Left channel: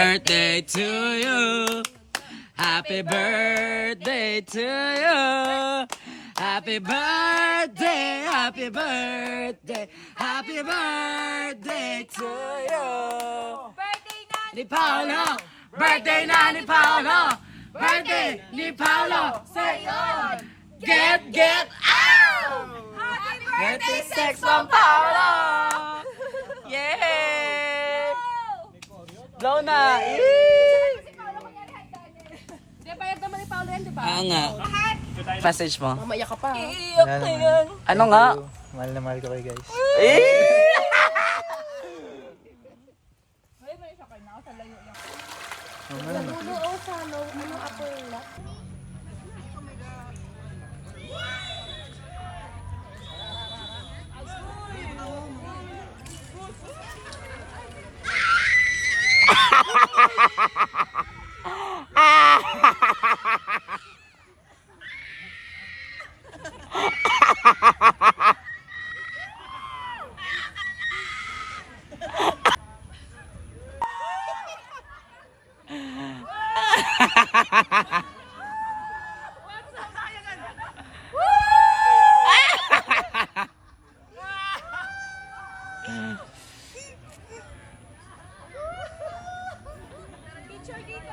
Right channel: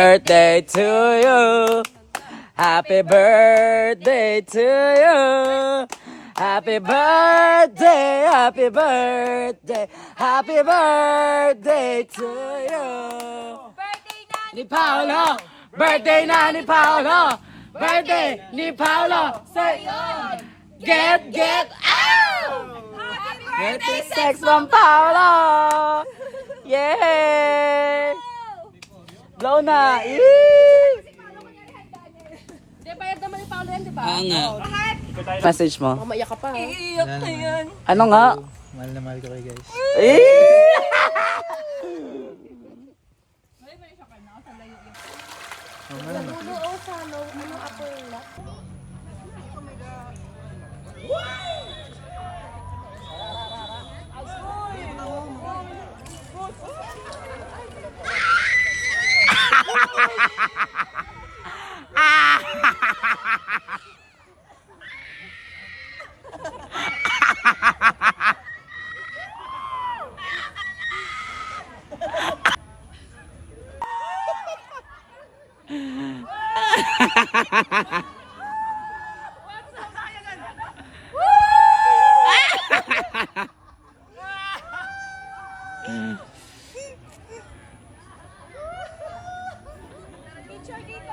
birthday to you. Happy birthday to you. Happy birthday, happy birthday, happy birthday to you. Birthday na Ni Paolo, birthday na ni Paolo, birthday ni Paolo. ngayon! Get out! Happy Birthday sex from Paolo. Yeah! Blow na. Di, bayad naman ni Paolo yan, di ba? Nga. Message mo. Mamaya ka pa. Wala naman. Ano nga? Mahal na mahal ko kayo guys. Nagulo sa ano ako yung lock. Picture dito.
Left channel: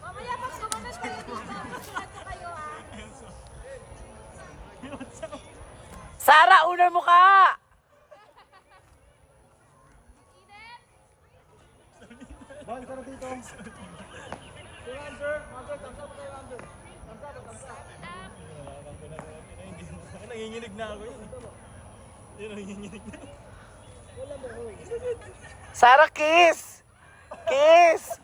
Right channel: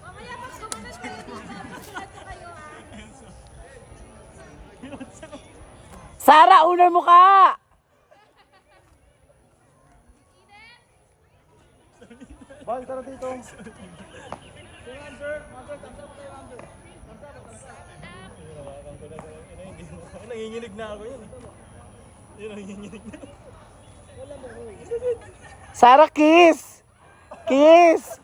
Mamaya pag sumanas kayo dito, masulat ko kayo ha. Sara, unan mo ka! Bang, tara dito. Nanginginig na ako yun. Nanginginig na. Sara, kiss! Kiss!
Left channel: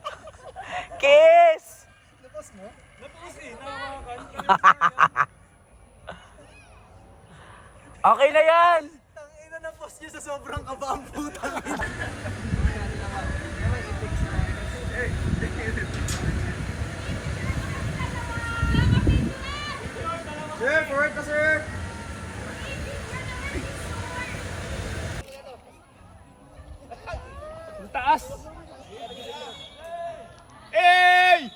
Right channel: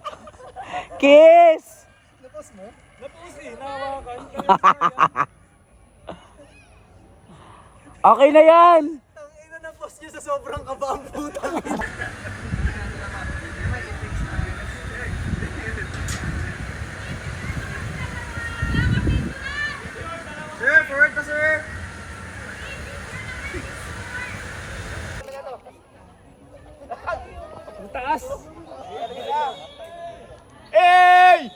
Kiss! Napos mo? Napos eh, nakawakan. Okay na yan! Tangina na post niyo sa sobrang kaba ang putang ina. Sir, forward ka sir. Ang taas! Hey!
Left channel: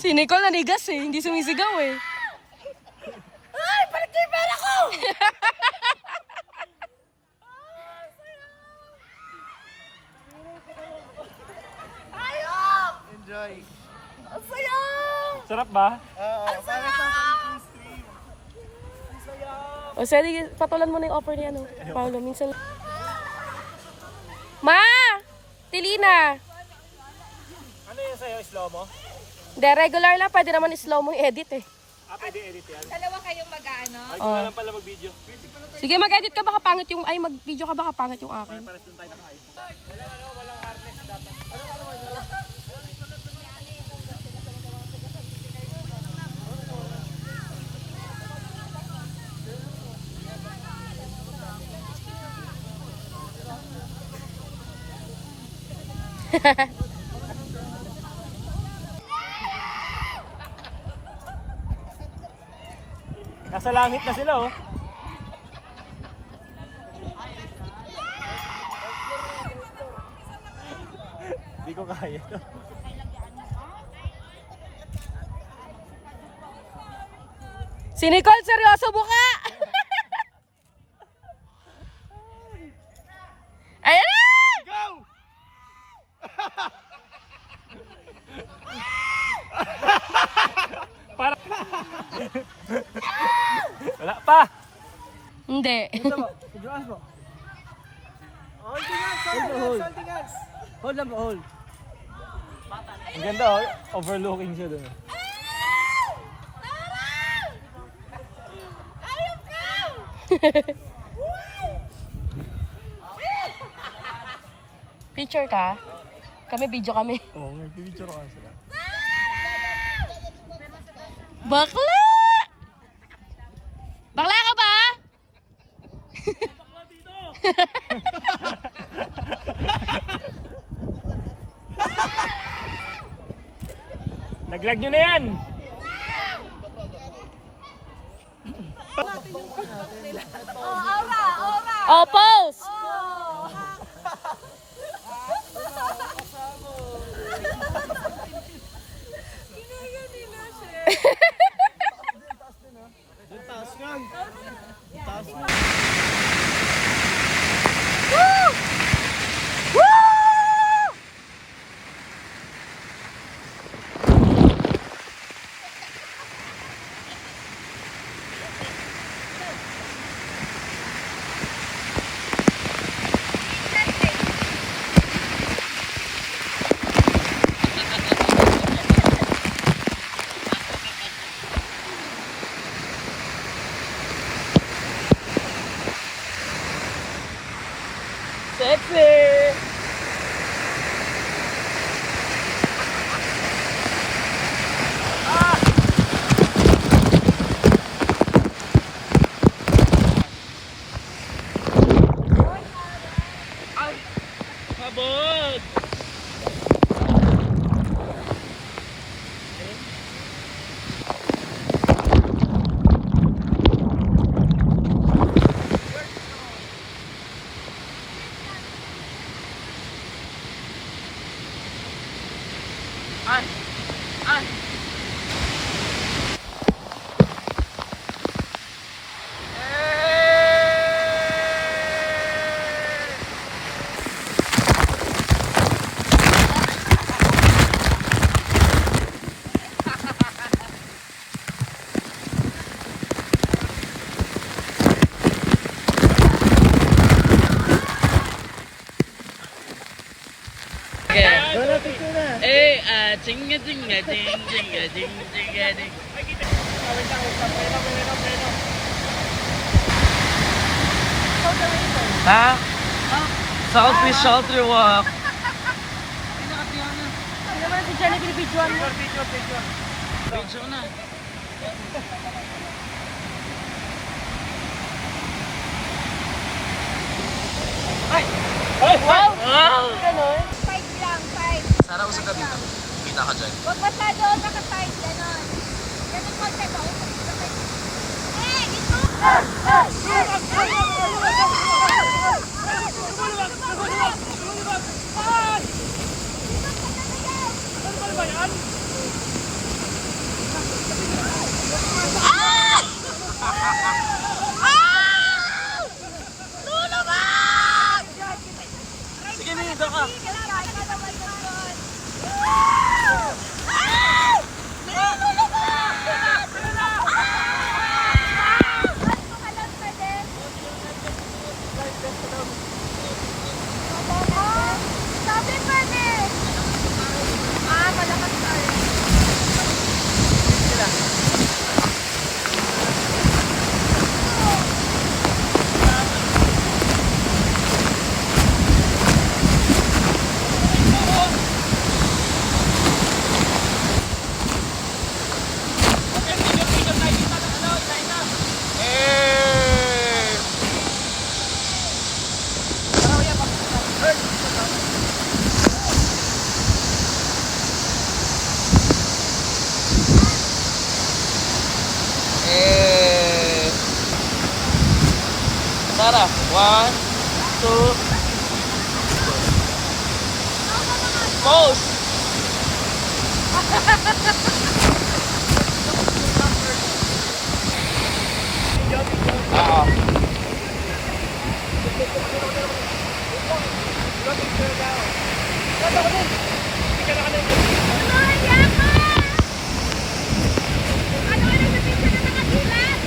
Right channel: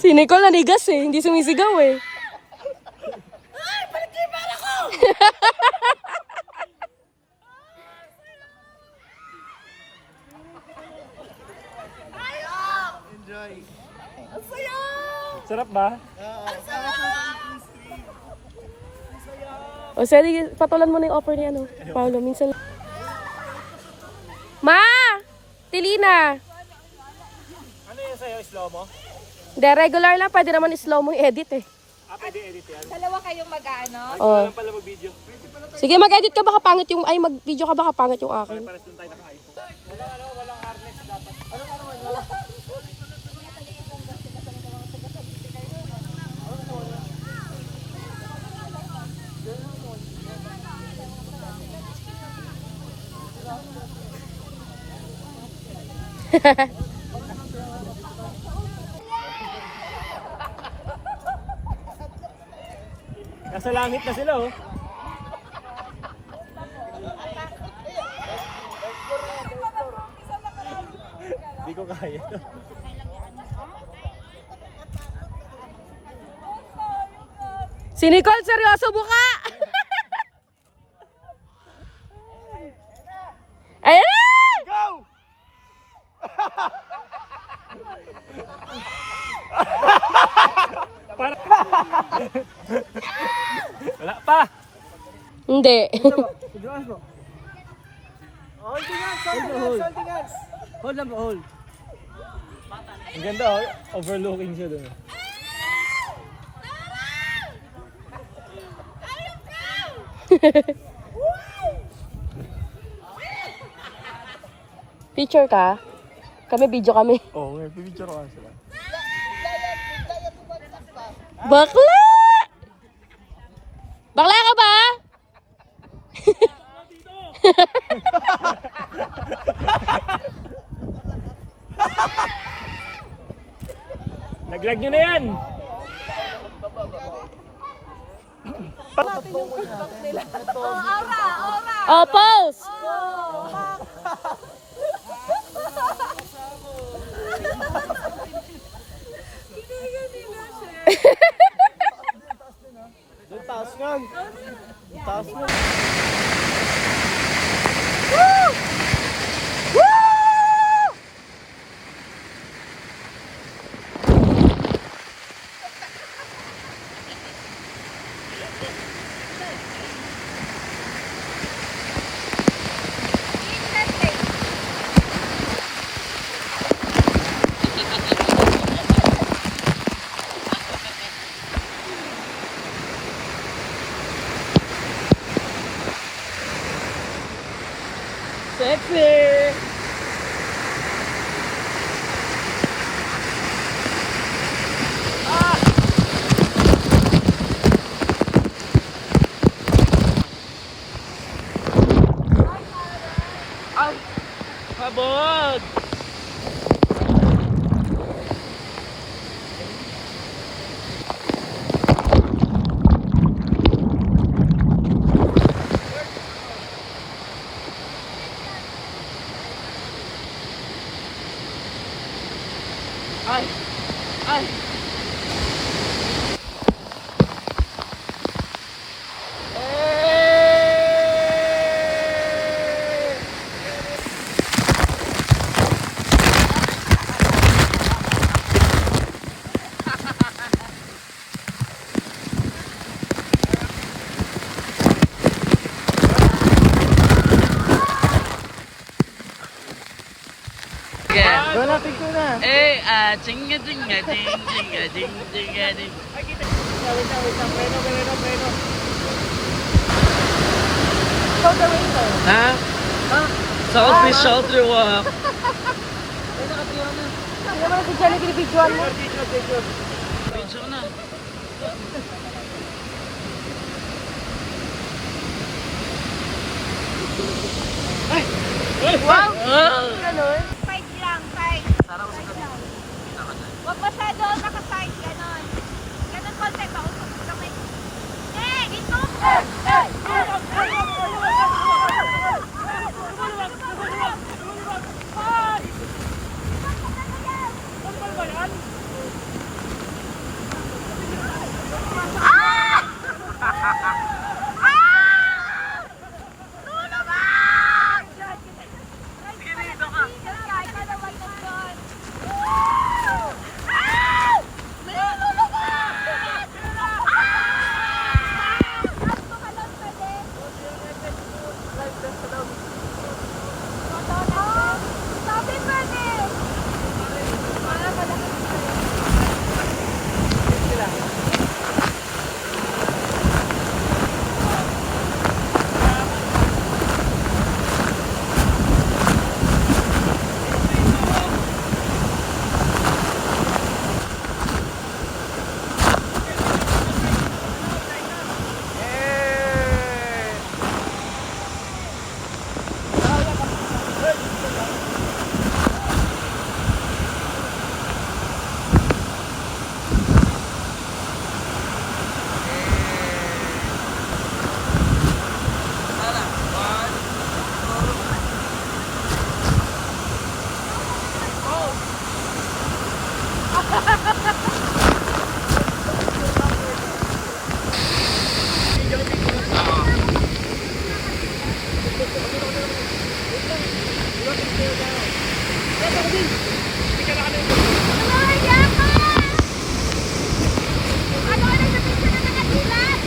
Si Nicole nanigas eh, hindi sumisigaw eh. Sarap ba? O sige, patulan mo na yung offer ni ano, Paolo. Minsan. Ma! Tilina! Ano yun sa'yo? Slow mo? Hindi, regular lang. Pwede naman slow mo i-edit eh. Pwede edit yan. Dalawa kayong mag-ano. Ay, ko na lang pala mag-video. Sige, mag-edit ka baka pangit yung... Ay, mag-video ka baka pangit yung akin. Pares doon tayo naka-iPhone. Nasa langit na sila oh. Hindi ko kaya to. Si Nicole, seryoso buka! Ayan na! Go! Para. Wala pa. Hindi. Siguraan mo. Holding hands. Hold lang po, hold. Ang ganda oh, overlooking siya doon. Picture ka? Kami, video kami. Oo, may picture ko kasi. Bakla! Bakla ka ba? Laglag nyo na yan! Oh, pause! Doon taas nga. Taas nga. Sexy! Habog! Doon natin ko na. Chinga chinga ding chinga ding chinga ding. Ha? Southwest Shoulder Walk. Ano naman si Jenny, binibidyoan mo? Video na. Wow! Ah! Ganon. Side lang, side. Sana ko sa gabi. Kita ka dyan. Huwag masyado naka-side. Ganon. Ganon konti ba? Ito. Ano ka nagpipicture na nakadilat?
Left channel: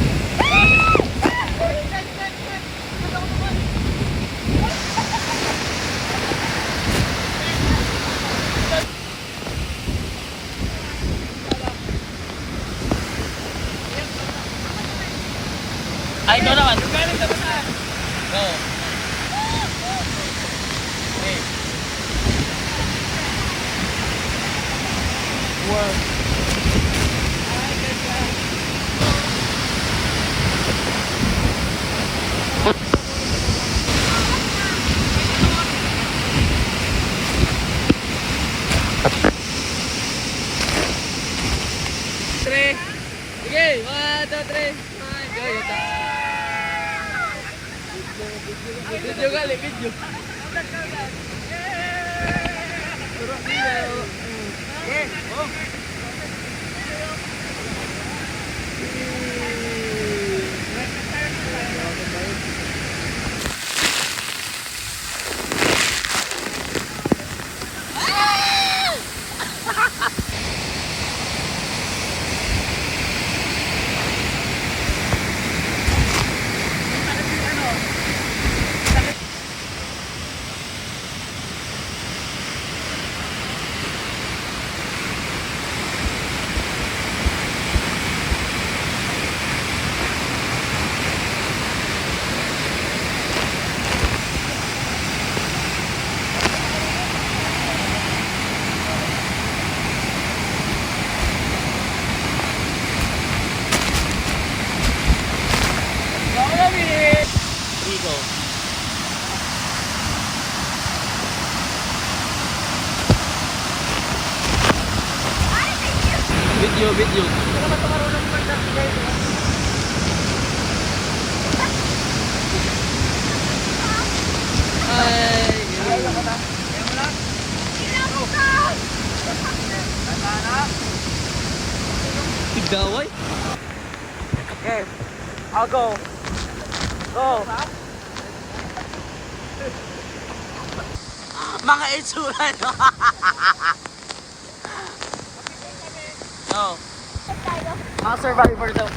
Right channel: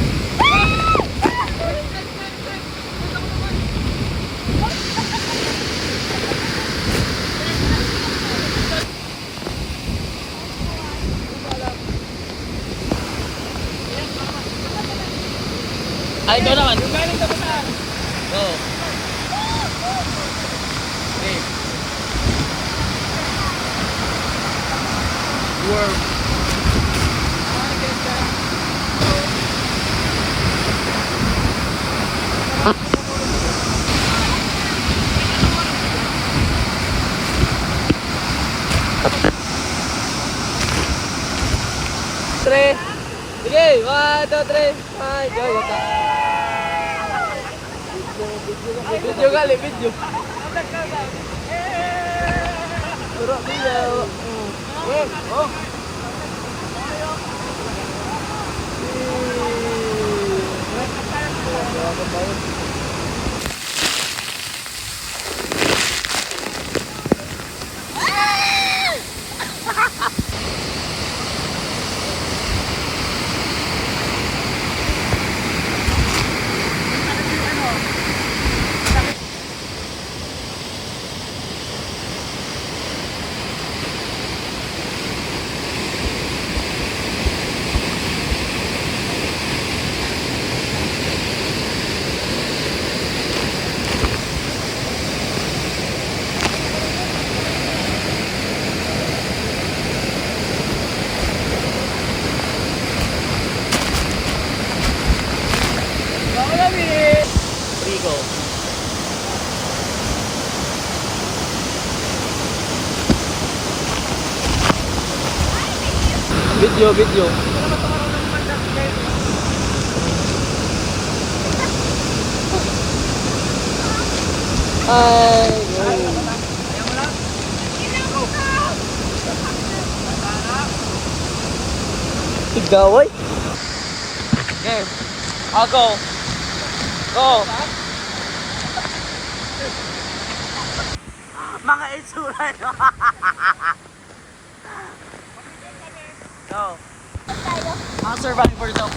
Ay, ito naman. Go. Three. Sige, 1, 2, 3. Ay, go, yata. Video kali, video. Puro video. Oh. Rico. Video, video. Ay, Igaway? Okay. I'll go. Go. Mga itsura nyo. No. Mga survivor daw.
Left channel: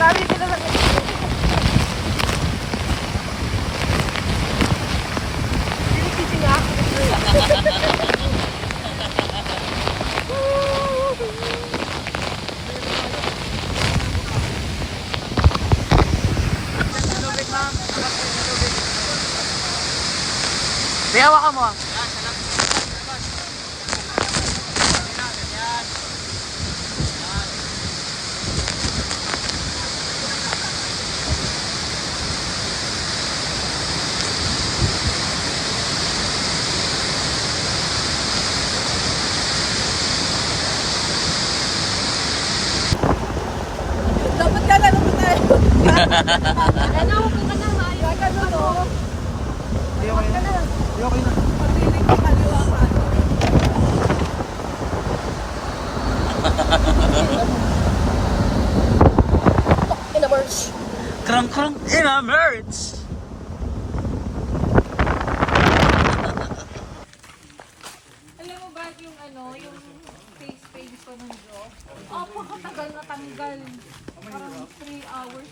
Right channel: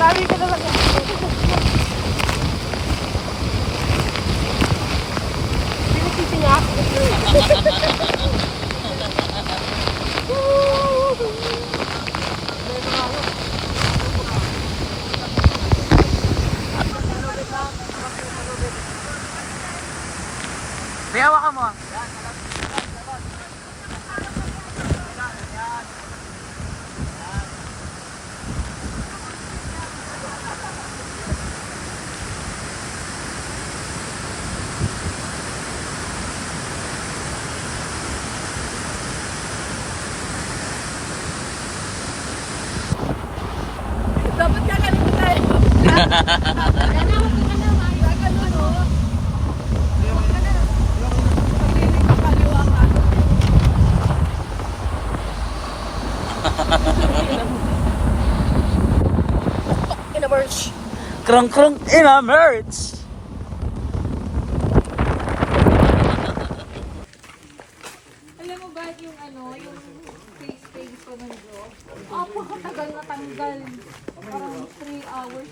Sabi ko na lang yan. Sinikisi niya ako. Biyawa ka mo. Dapat lalaro pa tayo. Ano? Ano? Maya? Ganun o. Huwag ka na. Pag-ibig ka kaliwa pa. In a merch. Krang in a merch. Alam mo ba yung ano, yung face ko ng job? Apakatagal na tanggal. Parang 3 hours.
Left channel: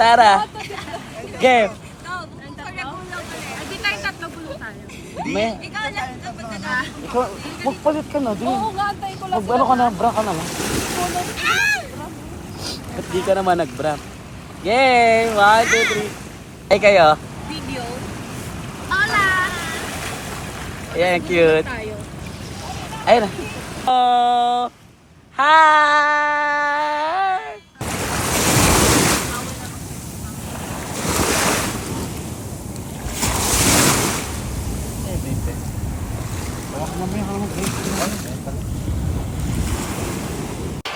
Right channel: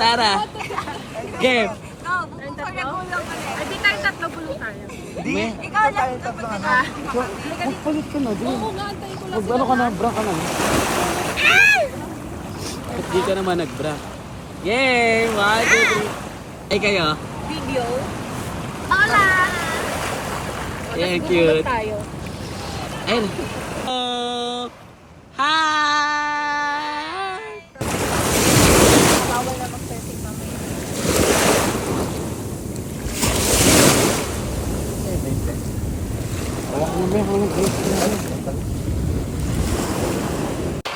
Sarah. Game. Ikaw, bukong ka na kulang ka na. Hindi tayo tatlo, bulong tayo. Me. Ikaw lang, dapat ka na. Magpalit ka na din. Oo nga, antay ko lang. Ano ka na, bra ka na. Hindi ka naman nag-bra. Yay! 1, 2, 3. Ay kayo. Video. Hola! Yan, cute. Tayo. Ayun. Oh! Hi! Bawal na mag-selfie ma'am.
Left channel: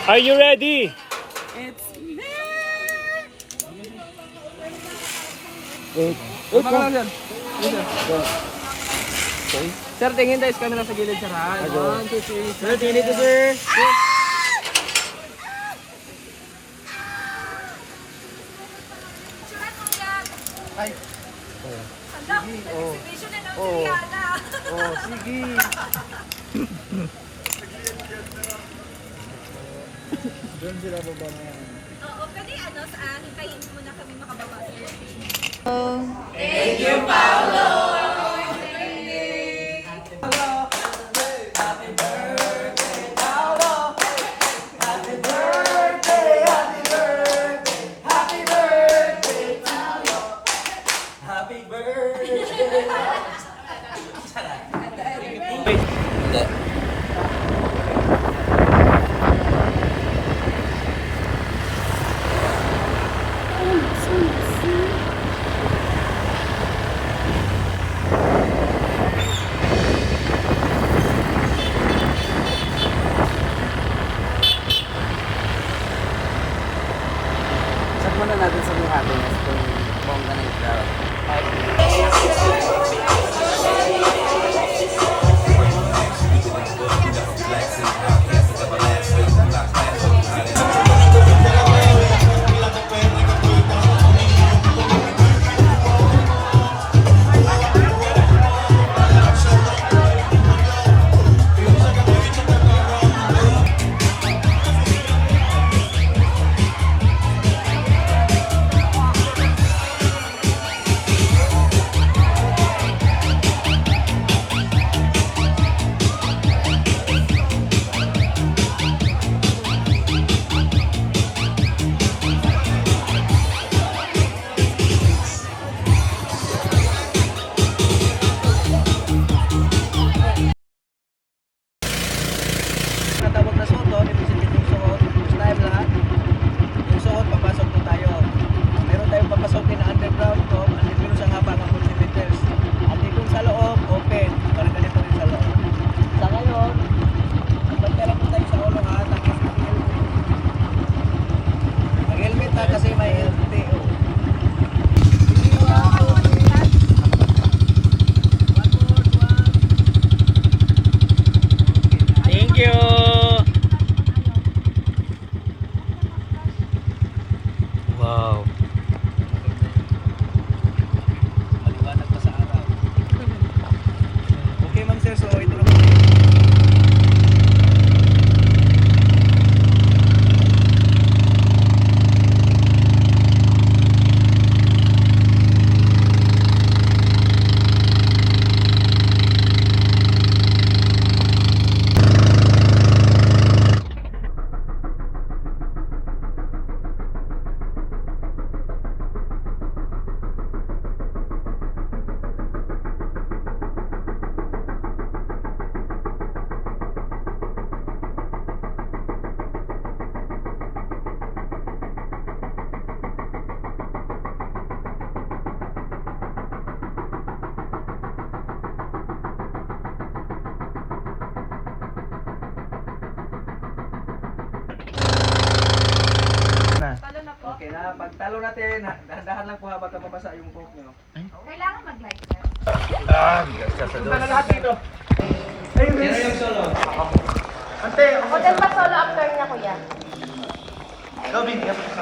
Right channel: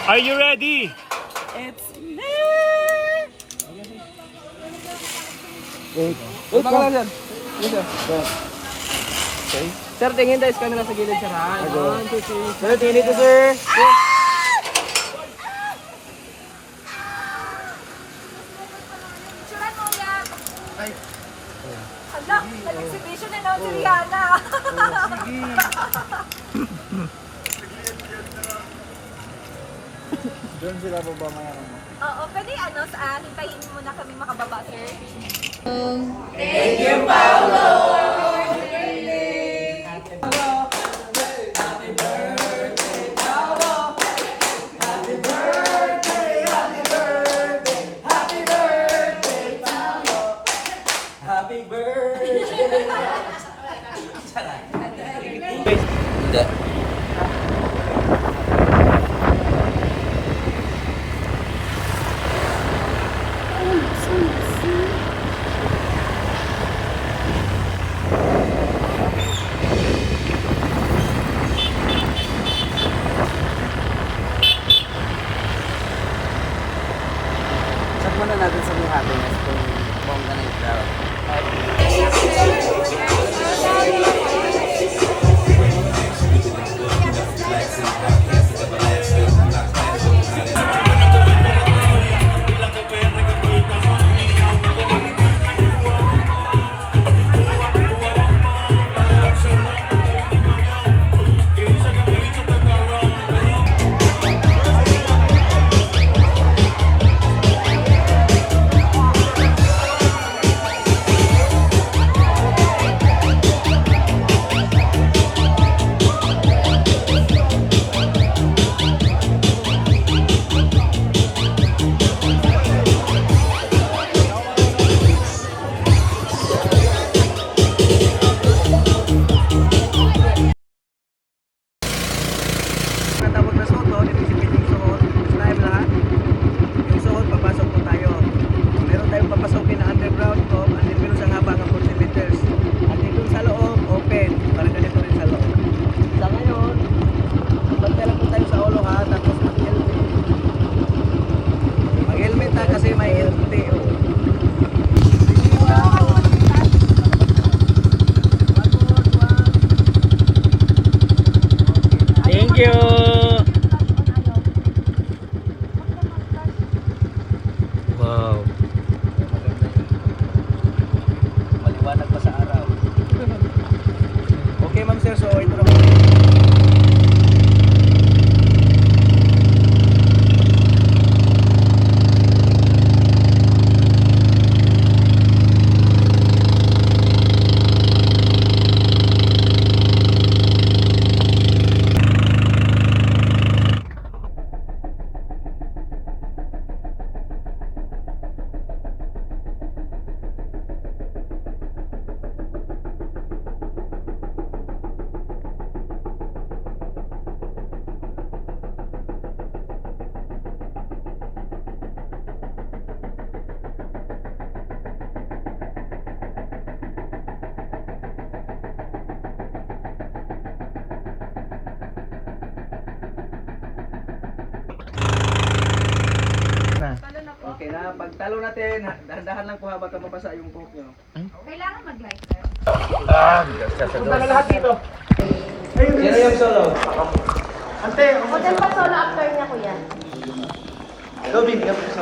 Are you ready? It's me! Wait ka lang dyan. Okay. Sir, tingin tayo sa camera sa gilid, sir, ha? 1, 2, 3. Sir, tingin dito, sir. Picturean mo yan. Hala, nag-exhibition na lang si Rihanna. Doon sila baba maya. Oo, pwede saan? Hintayin mo na kami makababa, sir. Happy birthday! Sakman na natin sa mga happiness kung bongga ng crowd. Natawag na suot, ito si yung suot. Gusto tayo lahat. Yung suot, papasok po tayo. Meron tayong papasokin na underground ko. Andito yung sa haba ng 40 meters. Andito sa loob, open. Parang ganito rin sa loob. Sa ngayon, bantay lang po tayo sa ulo ha. Tapos mag-helmet. Mag-helmet ha kasi may LTO. Thank you. Wow. Maliwanag pa sa araw. Okay, ma'am sir. So, ito na po. Okay na, pagtalo natin, dahan-dahan lang po habang mabasa yung buhok nyo. Kailangan mag-light, sir. Punta na lahat dito. Ayun, sino yung solo? Ante, Hotel pa solo after na kuya.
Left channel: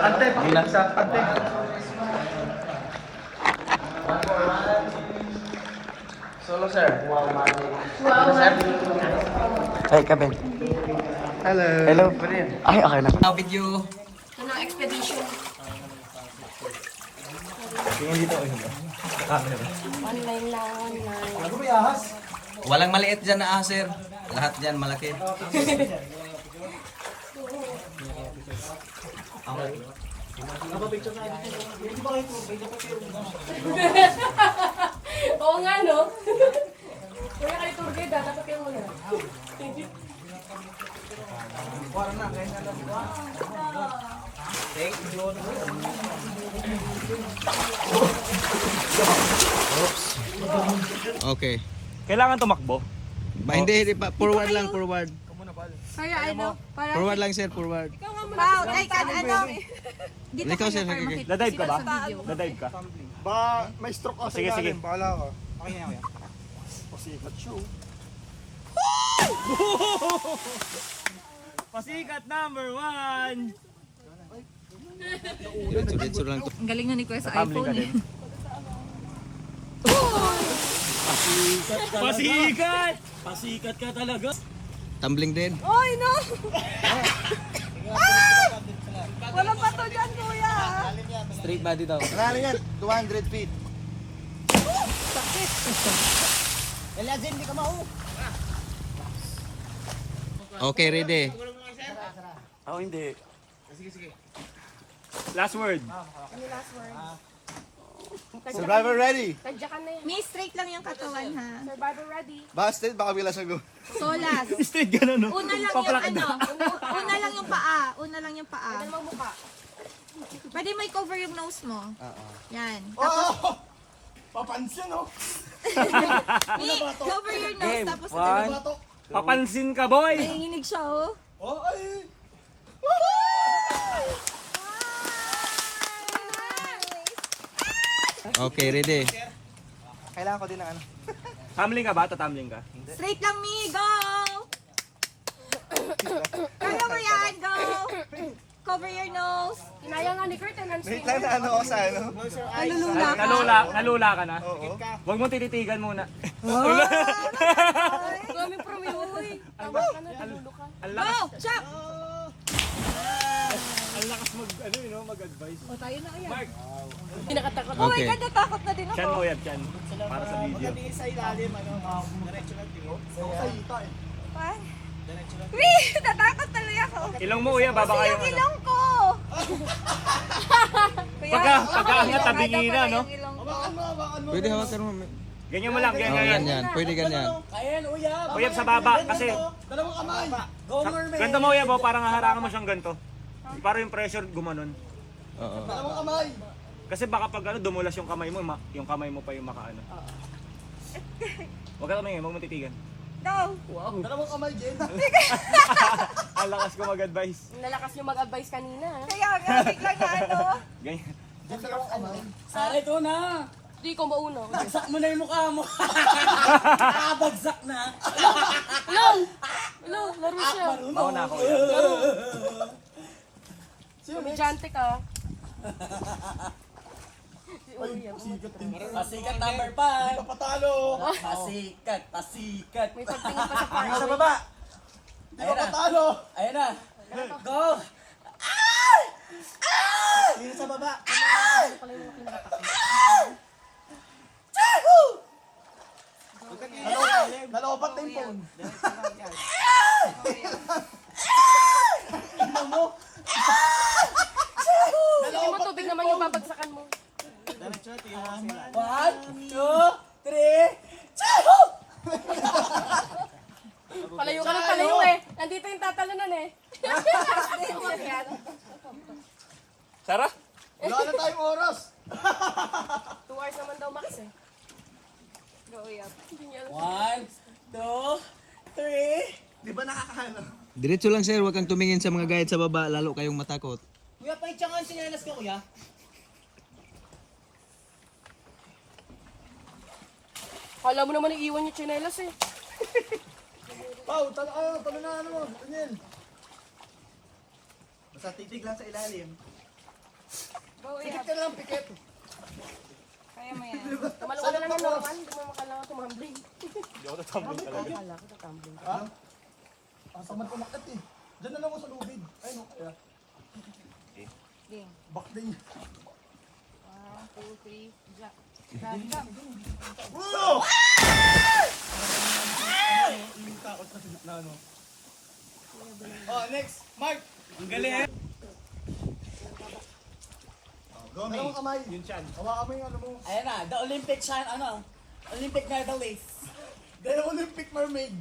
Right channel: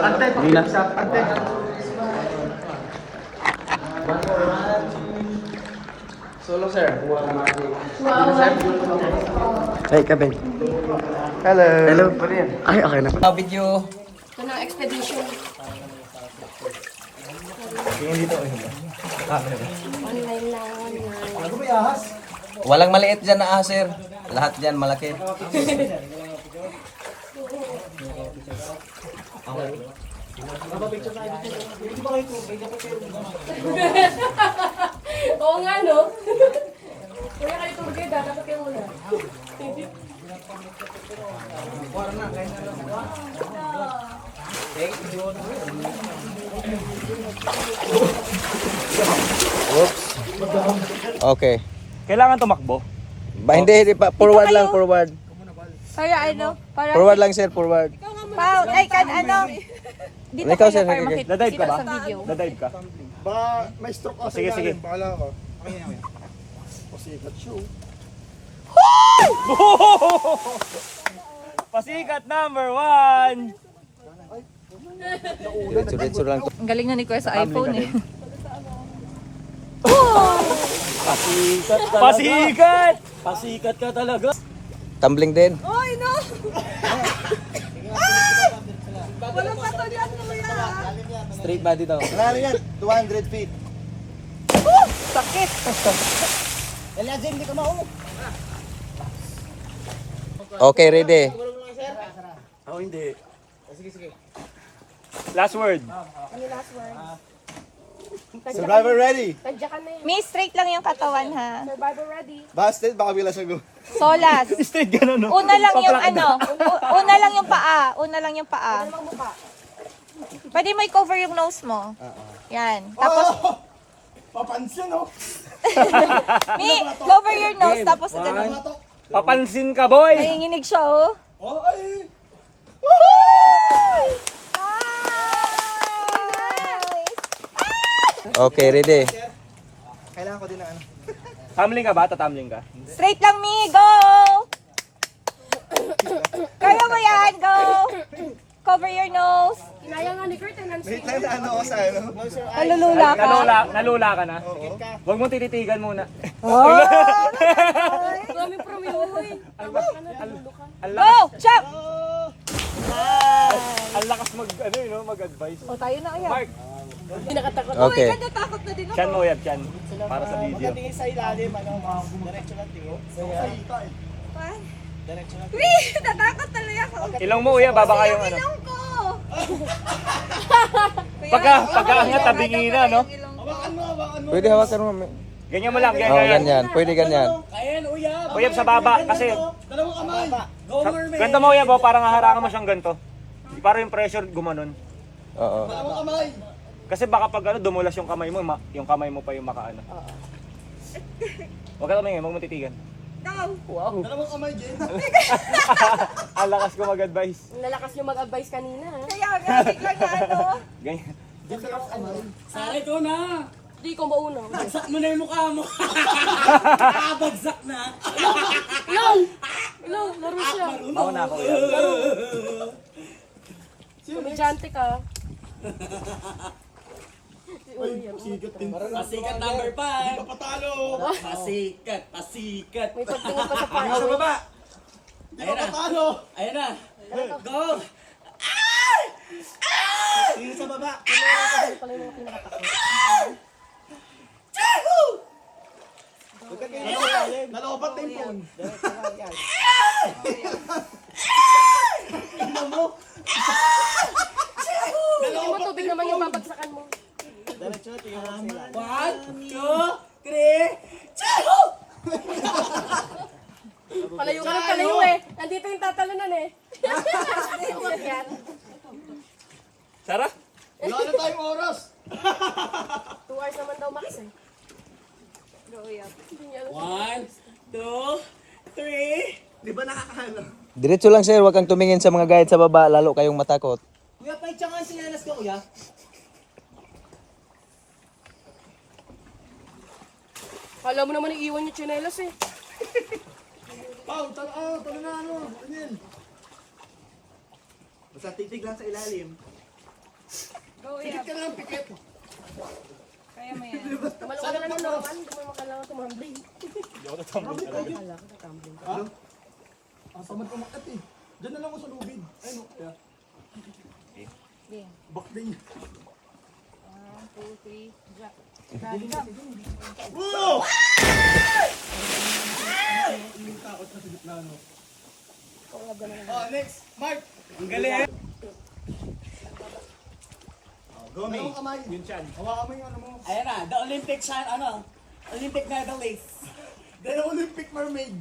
ante, pakisap, ante. Solo sir. Ay, kabel. Hello. Hello. Pwede yan. Ay, okay na. Video. Ito ng expedition. Tingin dito, camera. Online lang, online. Ano ba yahas? Walang maliit dyan na sir. Lahat dyan malaki. Oo nga, no? Kuya kayo tour guide, dapat kayo muna. Okay. Kailangan tumakbo. Hindi pa. Forward lang, forward. Kaya ano? Para Forward lang sir, forward. Pao, ay kan ano? Dito Ikaw, kayo sir, para okay. makita Dadive ka ba? sa video. Dadive ka? Ba, may stroke ako Sige, sa sige. ilalim. Bahala ka. Okay na, kuya. Pasikat show. Pasikat number 1! Diretso lang. Ang galing na ni Kuya sa iPhone eh. Pasikat! Pasikat ka talaga. Tumbling din. Oy, no! Ay! Walang pato dyan, Kuya. Straight body daw. Wala yan, 200 feet. Sakit. Okay, ready. Ako hindi. Last word. Survivor ready. Tadya ka na yan. Mi, straight lang yung katawan ha. Survivor ready. Busted, baka bila siya go. Solas. Straight gano'n, no? Una lang yung Paplakad. ano, una lang yung paa. Una lang yung paa. Ano mukha? Pwede mo i-cover yung nose mo. Yan. Tapos, Papansin, no? Mi, cover your nose. Tapos, One. Papansin ka, boy! nanginginig siya, oh. Oh, ay! Okay, ready. Kailangan ko din ng ano. Tumbling ka ba? Tatamling ka? Straight lang, Mi. Go! Kaya mo yan. Go! Cover your nose. Inaya nga ni Kurt, Wait lang na ano ako sa ano. Nalulula ka. Nalula ka na? Oo. Huwag mo tititigan muna. Kami promihoy. Tama ka na, nalulo ka. Ang Go! lakas, Jump! ang lakas mag-advise. O, tayo na kaya. Mark, Hindi nakatakot. Oh my Okay. God, natakot na din ako. chan mo yan, chan. Para sa video. Sa ilalim, ano, diretso lang tingin. Pan? Mi, natakot tuloy ako. Ilong mo, uya, baba Kasi kayong yung ano. ilong ko. Pagkaangat, tabingi na, no? Pwede hawakan mo. Ganyan mo lang, Oh, ganyan. ganyan. Pwede ganyan. Uya, sa baba, kasi... Dalawang kamay. Ganto mo, uya, parang haharangan mo siyang ganto. Para yung pressure gumanon. Oo. Dalawang kamay. Kasi baka pag ano, dumulas yung kamay mo, yung kamay mo pa yung makaano. Huwag ka tumingin, huwag mo titigan. No. Dalawang kamay, Jen. Ang lakas ko mag-advise. Nalakas niyo mag-advise kanina, ha? Kaya nga, biglang na ano. Ganyan. Sara, ito na! Hindi ko mauna. Bagsak mo na yung mukha mo! Nakabagsak na! Hello, laro siya. Mauna ako, uya. Komedyante ka. Pasikat number 5! Papatalo. Pasikat! Pasikat! May pagtingin pa sa far Sa away. baba. Di Ayan na! papatalo. Ayan na! Go! Tingin sa baba. Ano pala yung mga pinakatakot? Nalobat na yung phone. Hindi mo tubig naman yung babagsakan mo. 1, 2, 3, Palayo ka ng palayo eh. Nandito yung tatalunan eh. Umakyat. Sara? Wala na tayong oras. 2 hours naman daw max eh. 1, 2, 3. Di ba nakakaano? Diretso lang sir, huwag kang tumingin sa mga guide sa baba, lalo kayong matakot. Kuya, paitsangan sinanas ko, kuya. Kala mo naman iiwan yung tsinelas eh. Pau, talo na ano. Ganyan. Basta titig lang sa ilalim. Pikit ka lang, pikit. Kaya mo yan. Tumalong ka na lang ng normal. Hindi mo makailangan tumambling. Hindi ako tatambling talaga. Ang samad kumakat eh. Diyan na lang ako sa lubid. Ay no, kaya. Game. Back din. Oh, next. Mark. Ang galing. Go, me. Dalawang kamay. Yun siyan. Hawakan mo yung ano mo. Ayan na, the Olympic Olympic medalist. Dalawang Olympic mermaid.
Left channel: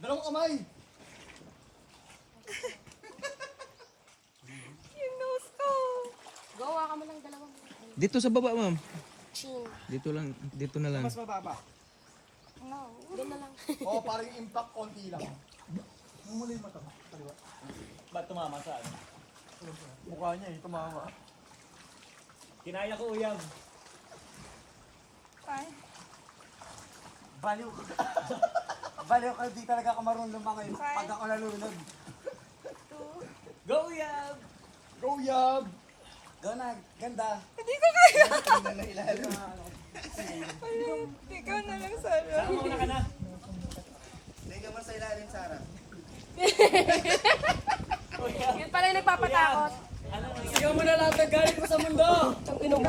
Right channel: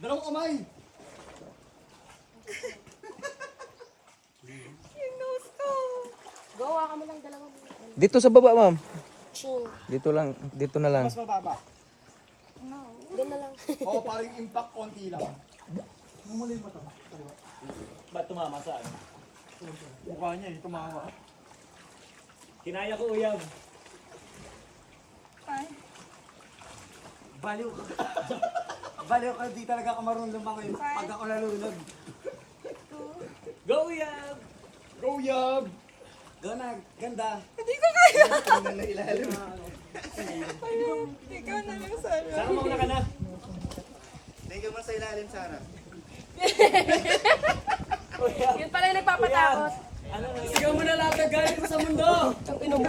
Dalawang kamay. Yung nose ko. Gawa ka mo lang dalawang. Dito sa baba, ma'am. Chin. Dito lang, dito na lang. Mas mababa. Doon na lang. Oo, parang impact konti lang. Mumuli yung mata. Kaliwa. Ba't tumama saan? Mukha niya eh, tumawa. Kinaya ko, Uyab. Fine. Baliw ka. Baliw ka, di talaga ako marunong lumangoy pag ako nalulunod. Go, Uyab! Go, Yab! Go na, ganda. Hindi ko kaya. Ilalim. Ayun, ikaw na lang, Sarah. Saan mo na ka na? Tingnan mo sa ilalim, Sarah. Yun pala yung nagpapatakot. Sigaw mo na lahat ng galit ko sa mundo! Ang inom mo.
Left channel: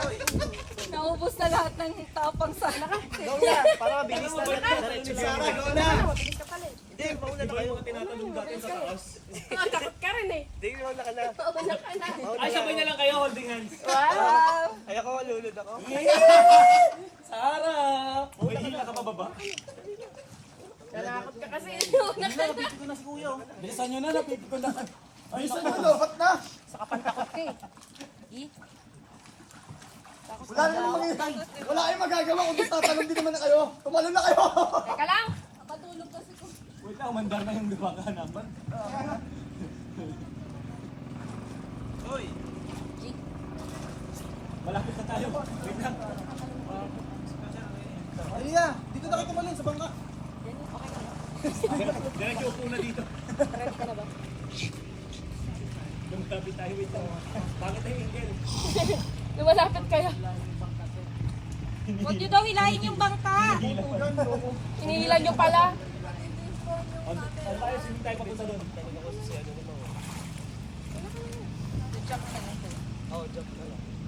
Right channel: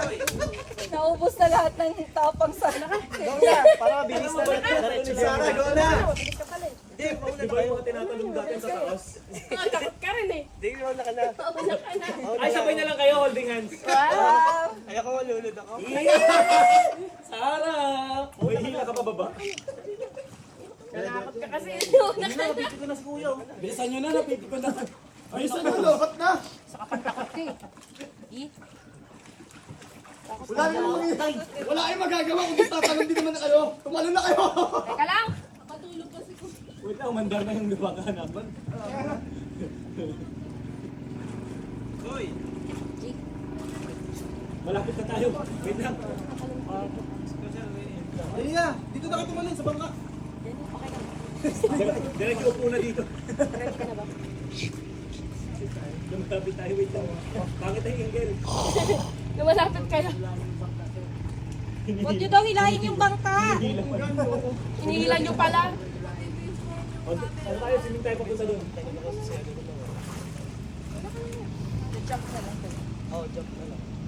Naubos na lahat ng tapang sana. Go na! Para mabilis na rin. Diretso Sarah, go na! Mabilis ka pala eh. Hindi, mauna Di ba yung tinatanong dati sa taas? Takot ka rin eh. Hindi, mauna ka na. Mauna ka na. Ay, sabay na lang kayo, holding hands. Wow! Ay, ako, lulod ako. Sarah! Uy, hila ka pa baba? Nalakot ka kasi. Napipit ko na si Kuya. Bilisan nyo na, napipit ko na. Ay, Bilisan mo, lobat na! Takot ka eh. Wala na namang mangyayari. Wala kayong magagawa kung tatalon din naman na kayo. Tumalon na kayo! Teka lang. Wait lang, umandar na yung lupa ka naman. Hoy! Malapit na tayo. Wait lang. Dali nga, dito na kayo tumalon sa bangka. Diretso upo na dito. Ready ka na ba? Lumapit tayo, wait lang. Bakit tayo ingel? Lumalapit kayo. Huwag niyo daw hilahin yung bangka. Inihilan nyo pala. Ano tayo, swimming tayo papunta doon.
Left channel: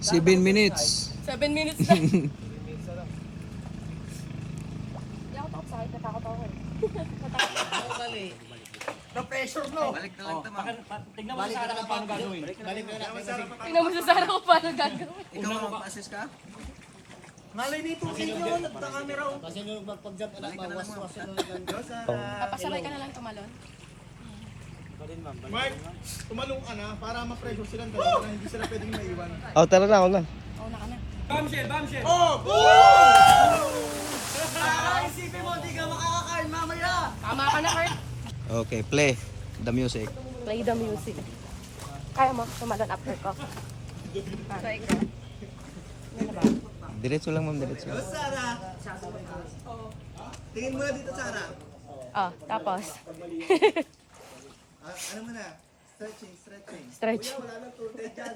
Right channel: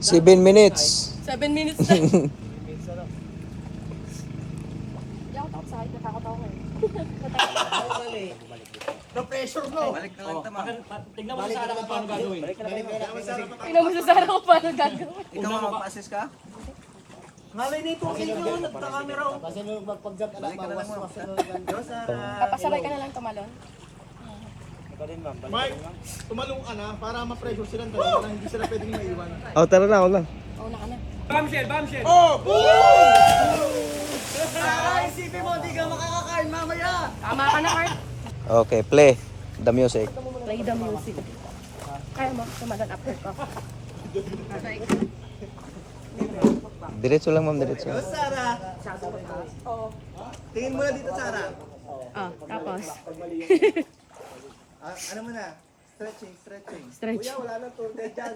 7 minutes. 7 minutes na. Hindi ako takot sa height. Natakot ako eh. The pressure, no? Balik na lang tama. Tignan mo sa Sarah kung paano gagawin. Tingnan mo sa Sarah kung paano gagawin. Ikaw mag-assist ka? Ngalay na ito kayo yun at camera. Balik ka na lang, ma'am. Go, Sarah. Papasabay ka na lang tumalon. Mark, tumalong ka na para ma-pressure silang dalawa na hindi sila pwedeng maiwan. Oh, tara na, ako lang. Una ka na. Bombshell, bombshell! Oh! Isipin mo, di ka makakakain mamaya! Tama ka na, Kurt. Okay, play the music. Play the music. Kaya mo tumalon after ko. Diretso lang, ma'am, diretso. Go, Sarah. Tingin mo na dito, Sarah. Oh, tapos. Ano mo na? Stretching, stretching. Stretch. Kuya, wala nang tour guide dyan.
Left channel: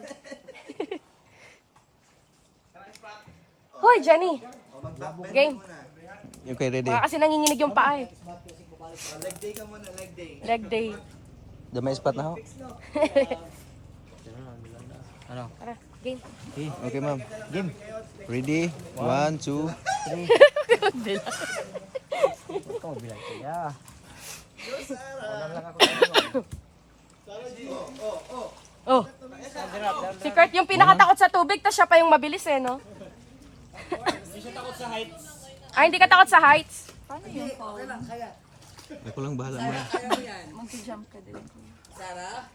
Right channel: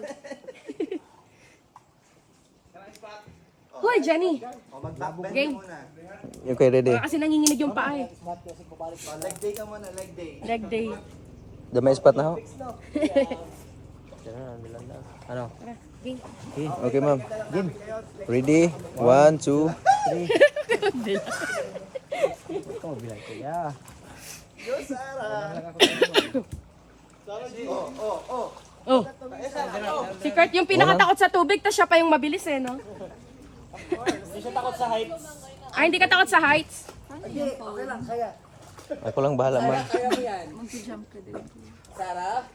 Hoy, Jenny. O, mag-backbend Game. muna. Okay, ready. Baka kasi nanginginig yung paa eh. O, leg day ka muna, leg day. Leg day. Damay spot na ho. Ano? Tara, game. Okay, okay, ma'am. Game. Ready? 1, 2, 3. Ikaw, bilang kaya. Go, Sarah. Oh. Si Kurt yung pinakatakot sa tubig, tapos siya pa yung mabilis eh, no? Hindi siya takot sa height. Ay, hindi ka takot sa heights. Ako lang bahala, ma'am. Kaya mo yan. Mag-jump ka din. Sarah?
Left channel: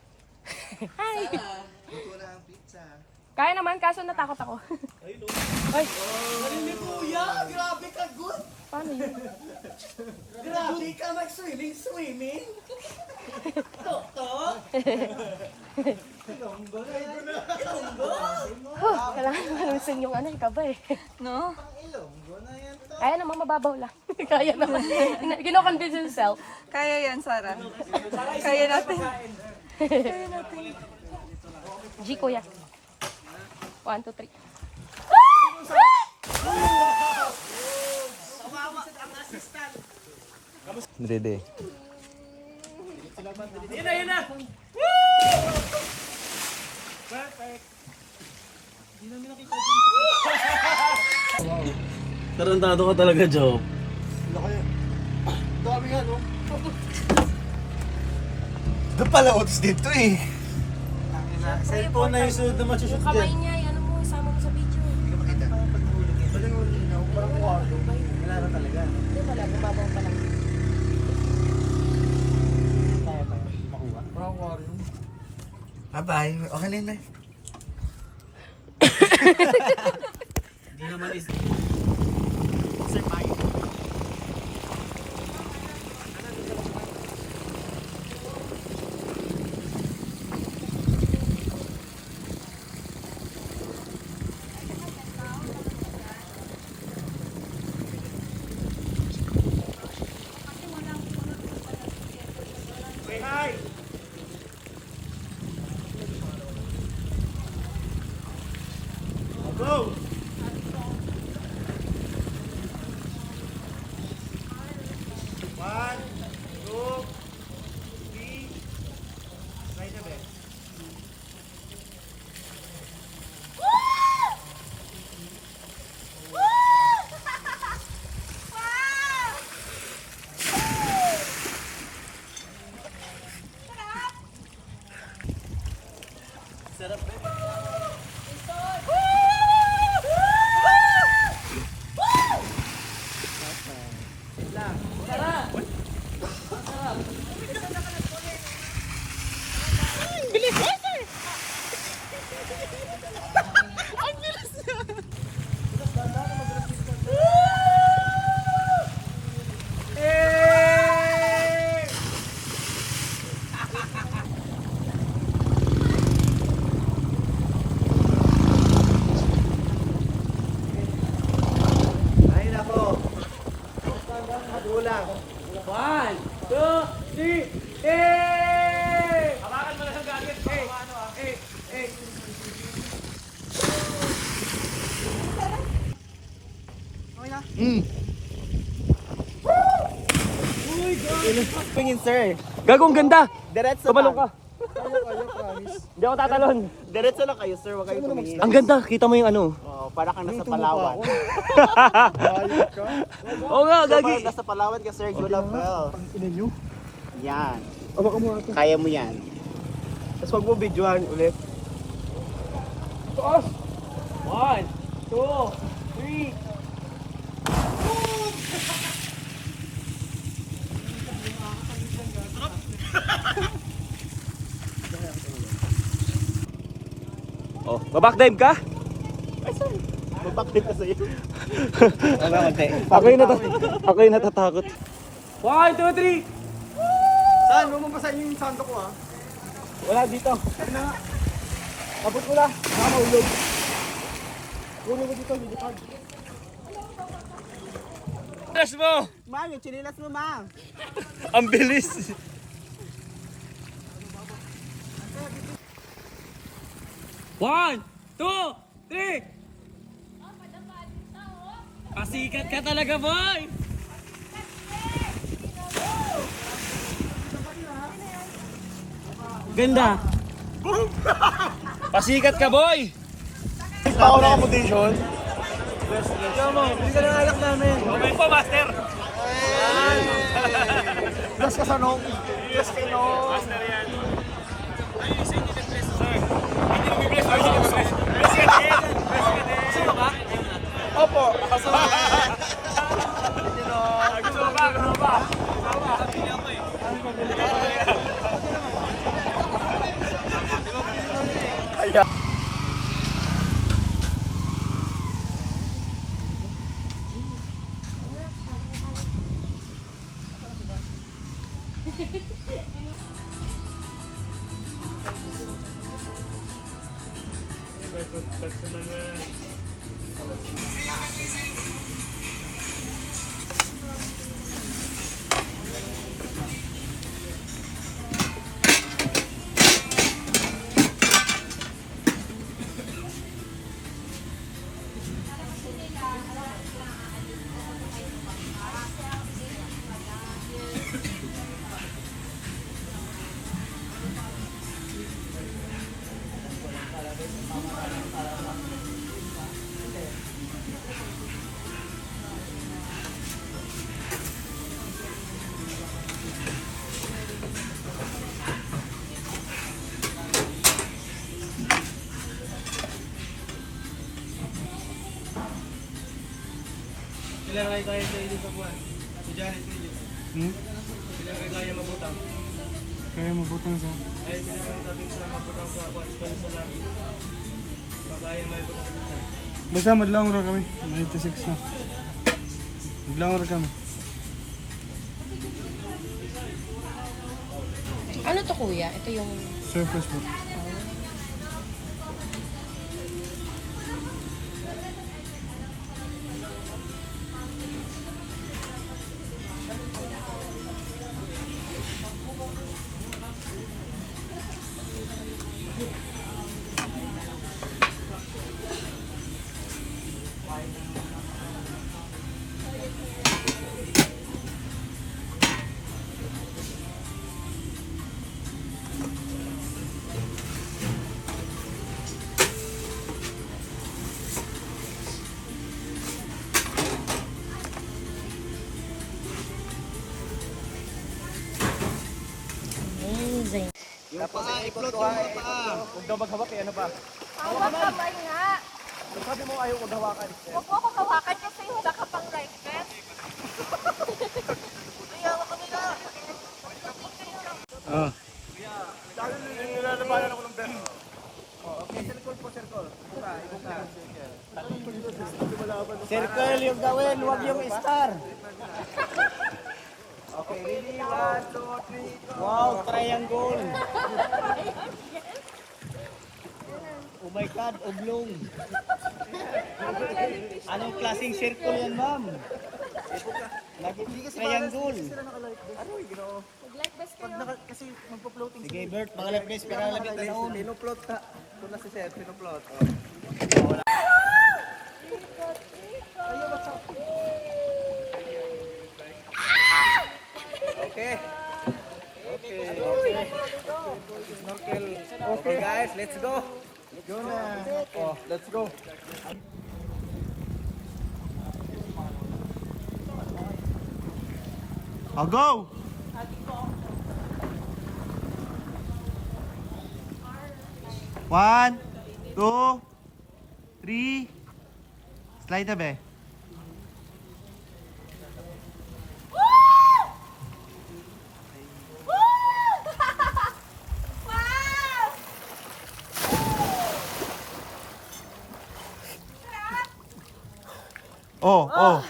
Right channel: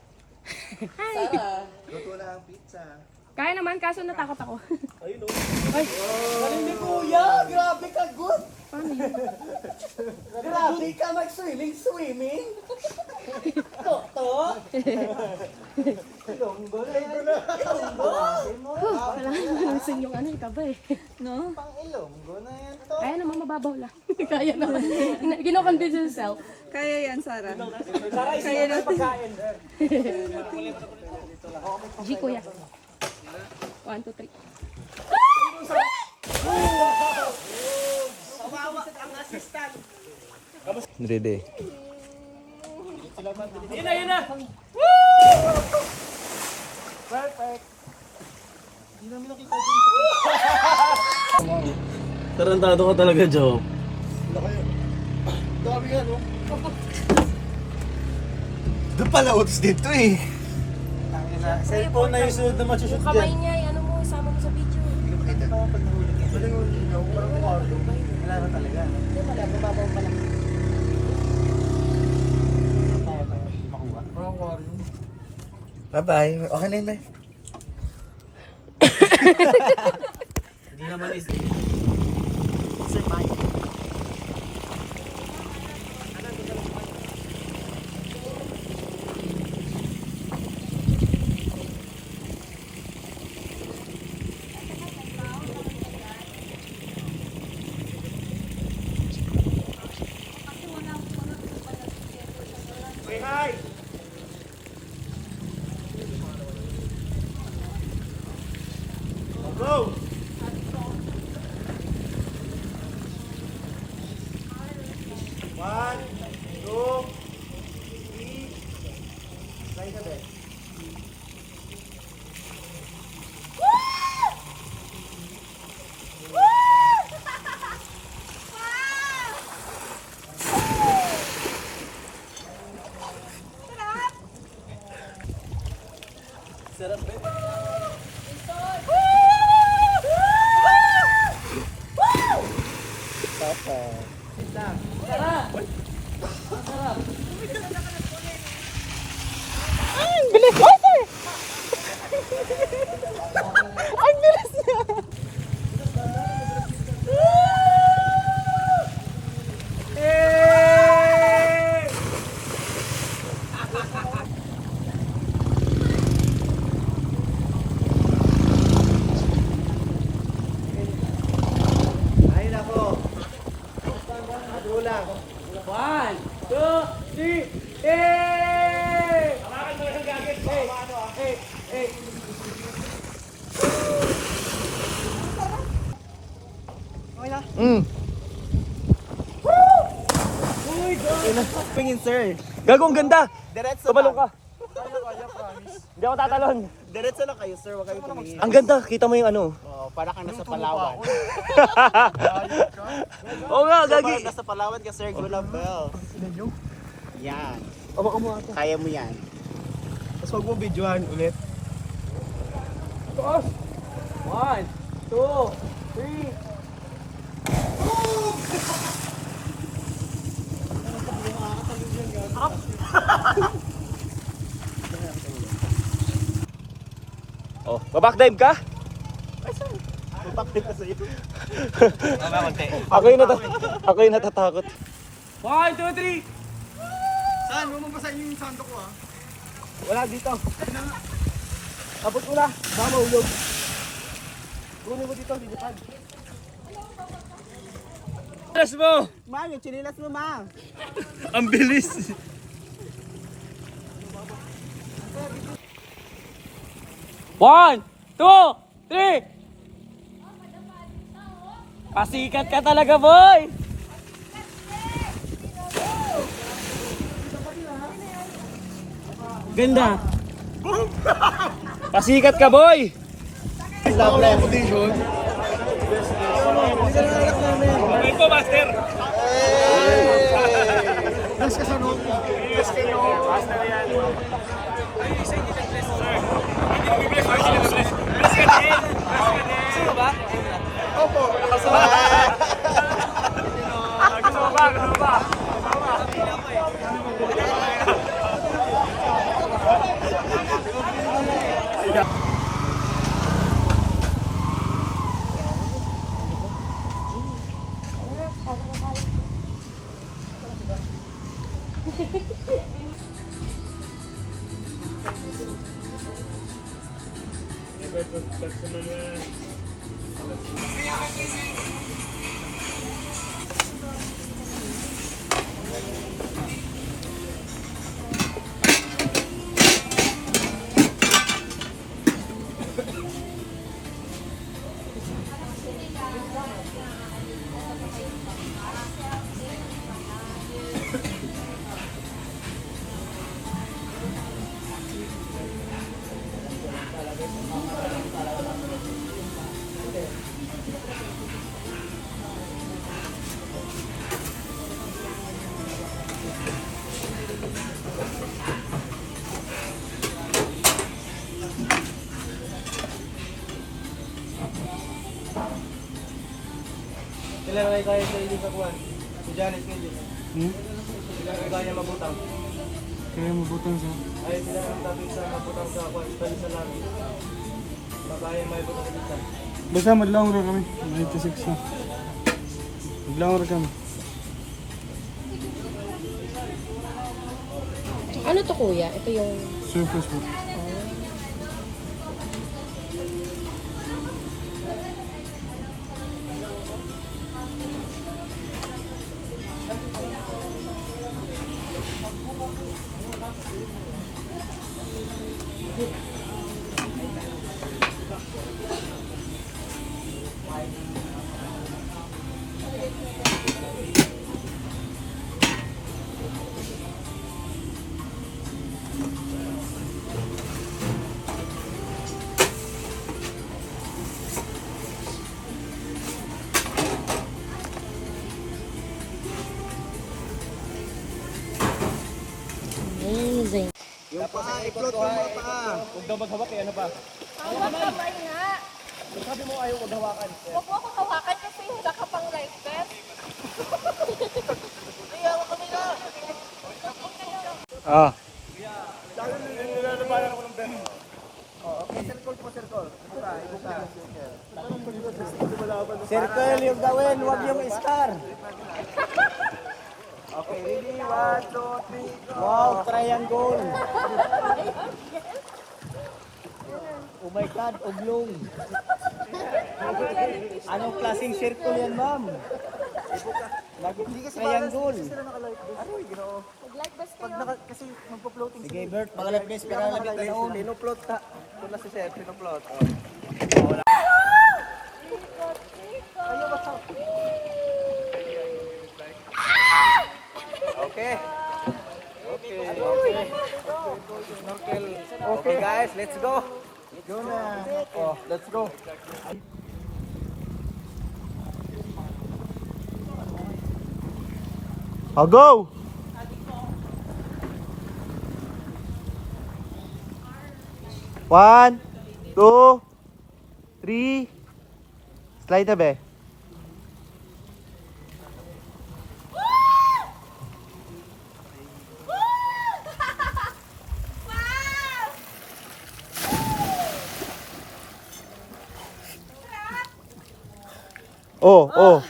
Hi. Sarah? Luto na ang pizza. Kaya naman, kaso natakot ako. Ayun o. Ay, Galing ni Kuya! Grabe ka, good! paano yun? Grabe ka mag-swimming, swimming! Toto! Ilonggo na yun. Ilonggo! Kailangan malusin yung ano, ikaba eh. No? Ilonggo na yan to. Kaya naman, mababaw lang. Kaya naman. Gino-convince yourself. Kaya yan, Sarah. Sarah, Kaya isip na natin. pagkain. G, kuya. 1, 2, 3. Ready. Yun na, yun na! Perfect. Hindi namin nakita dito. Tarantado ka talaga, Joe. Dami nga, no? Doon pala utos dito eh. Cellphone na yung sunod na Yung masushoot kamay dyan. niya, ano mo, isama mo sa video. Hindi ko makita. Pag nahulog yan. Pag nahulog yan, parang kwarto. Wala na talaga. Hindi pala, bumabaw pa lang. Tayo tayo. Makuha. Bye-bye. Okay na yun, bye. Hindi naman is... Sir, payo. Go! One, two, three. Try the best. Sarap ba? Ay nako. Kulang. 1, 2, 3, eh! Hawakan mo na sa jacket. Pingin, sir. Gagong ganda. Diretso Kabalong lang. ka. Hindi ako tatalon. Diretso lang kayo, sir. Huwag kayo pumingin. Ang ganda. Kita mo yung ano. Oo, para ka nasa Palawan. Oo nga, Sir, gagi. para nasa Palawan ka, sir. You love well. Ina nyo. Yan. Ama ka mo ako. Kaya mo yan. Tapos wag mo videohan ulit. Taas. 1, 2, 3. Back dive ka? Mapapit ka sa'yo. Okay, konti. Ako yung natatakot. 1, 2, 3. Saan? Huwag mo basahin yung sando ko ah. Wala dito. Abot mo na. Mahulog. Kunin mo dito, lilipad. Alas mo! Ma, yung chinilas mo, ma. Ang bilis! One, two, three! Pasikat ka talaga, boy! Ganda! Pasikat ka, boy! Ako na accommodation. Hindi ka na anak namin. Okay po, master! Yes ka sa nung. Yes kayo. Master yan. Ay, isa hindi nag-bless, sir. Hindi mo bibless, sir. Sino nag-bless? Bless ka din. Sino ba? Opo. Gusto mo ba? Gusto mo ba? Sila na kaya sa inyo sa buwan. Si Janet pwede. Sila na kaya mabutang. Kaya mabutang siya. Ay, sila ang dati sa mabutang sa buwan. Pwede sa lagi. Babae may butang sa butang. Basta madlang ra kami. 96 na. Madlang ra kami. Ano to kuya? Ito yung... Surface po. Amazing. Tapos i-upload mo mga paa. Huwag daw maghawak eh, ano ba? Hawak kamay nga. Sabi mo ayaw maghawakan. Huwag mo ako hawakan kasi wala ka pang life vest. Ah. Nilalabanan ako ng best. Oh, okay, circle po, circle. Ibuka, ibuka. Circle yung gawin, huwag yung star. Okay, ready? 1, 2, 3, go! Wow, triangle. Oh my God, oblong. Anong klaseng circle yan, ma'am? Lagi triangle. Aroy, ginoo. Mag-life vest Pag kayo. naka, kasi magpo-floating Sige, Bert, mga left base, pero labit na noon. Pinoplot ta. Ito na si Sir, pinoplot. Oh. Kayo ba sa... Okay. Okay. Snorkel. Okay guys, let's go. Go na. Oh, let's go. I'll go! One, two, three. Slide na be. Oh, oh.